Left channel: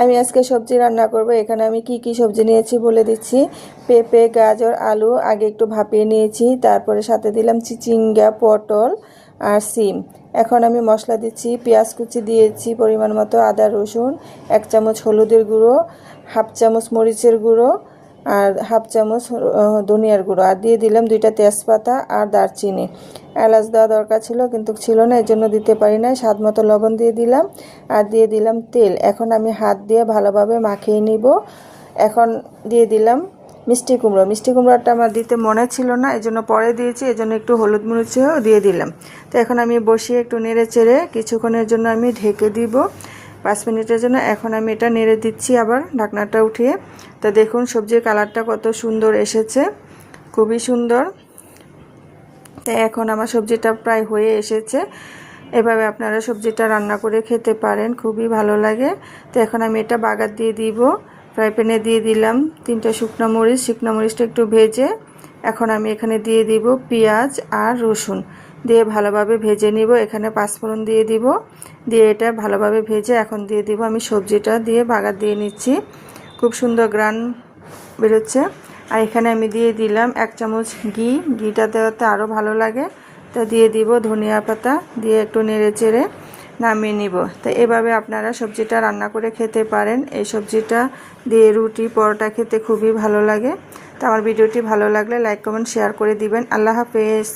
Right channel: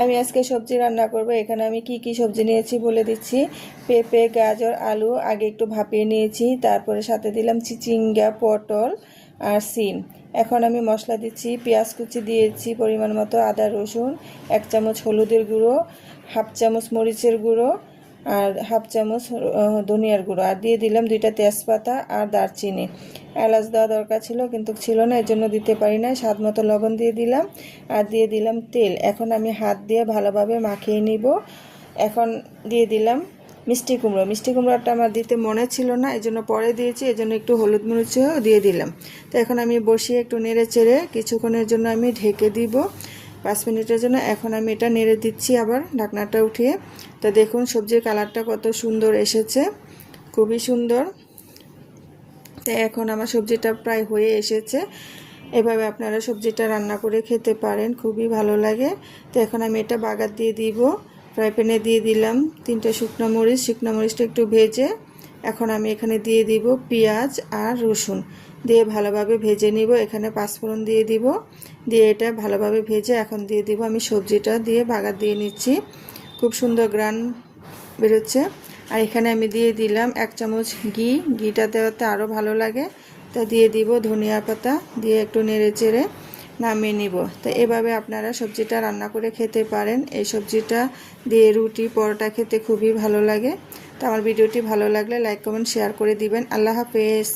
আমি আজকে সবজি রান্না করব। এখানে আমি কি সবজি নিয়েছি বলে দিচ্ছি। পেঁপে, গাজর, আলু আগে একটু ভাপিয়ে নিয়েছি, তারপরে সাথে দিলাম চিচিঙ্গা, পটল আর সিম। এখন আমি মশলা দিচ্ছি। পেঁয়াজ কুচি দিয়েছি পরিমাণ মতো, আদা রসুন, 1 চামচ হলুদের গুঁড়ো, হাফ চামচ মরিচের গুঁড়ো আর হাফ চামচ ধনিয়ার গুঁড়ো, আর দিয়ে দিলাম 2টা তেজপাতা আর দারচিনি। এলাচ দেওয়া দরকার ছিল কিন্তু ছিল না, এর জন্য দিতে পারি না। স্বাদ মতো লবণ দিয়ে দিলাম আর দিয়ে দিলাম তেল। এখন আমি হাত দিয়ে ভালোভাবে মাখিয়ে নিব। এখন দিয়ে দিলাম মিষ্টি কুমড়ো। মিষ্টি কুমড়োটা আমার দিতে মনে ছিল না, এই জন্য পরে দিয়েছি, এই জন্য একটু হলুদ মরিচও দিয়ে দিলাম। তো এখন আমি বসিয়ে একটু নেড়ে চেড়ে কিছুক্ষণের জন্য আমি ঢেকে দিব 5 মিনিটের জন্য। এখন আমি এটা নেড়ে দিচ্ছি আবার ঢাকনাটা উঠিয়ে। তো দেখুন সবজির কালারটা কত সুন্দর এসেছে, খুবই সুন্দর। তাই এখন আমার সবজিটা প্রায় হয়ে এসেছে। এভাবে আপনারা সবজিটা রান্না করে খেতে পারেন, খুবই ভালো লাগে। তো এখন আমি এটা বাগার দিয়ে দিব। ফ্রাই প্যানে দিয়ে দিলাম 3টা শুকনো মরিচ। শুকনো মরিচটা একটু ভেজে এখন আমি এখানে দিয়ে দিব পেঁয়াজ আর রসুন, দিয়ে ভালোভাবে ভেজে নিব। এখানে পাঁচফোড়ন দিয়ে দিব, দিয়ে এটা ভালোভাবে ভেজে এখন দিয়ে দিব আমি সবজিটা দিয়ে বাগার দিয়ে নিচ্ছি। খুব সুন্দর গ্রান বেরোচ্ছে। আর এখানে আমি দিয়ে দিলাম 1 চামচ ঘিটা দেওয়াতে আরও ভালো লাগে। তো দিয়ে দিব ধনিয়া পাতা, দিয়ে একটু নেড়ে চেড়ে নামিয়ে নিব। তো এভাবে আপনারা সবজিটা রান্না করে খেতে পারেন। এই সবজিটা দিয়ে রুটি, পরোটা খেতে খুবই ভালো লাগে। তো আমার ভিডিওটি ভালো লাগলে লাইক, কমেন্ট, শেয়ার করে দিবেন। আল্লাহ হাফেজ।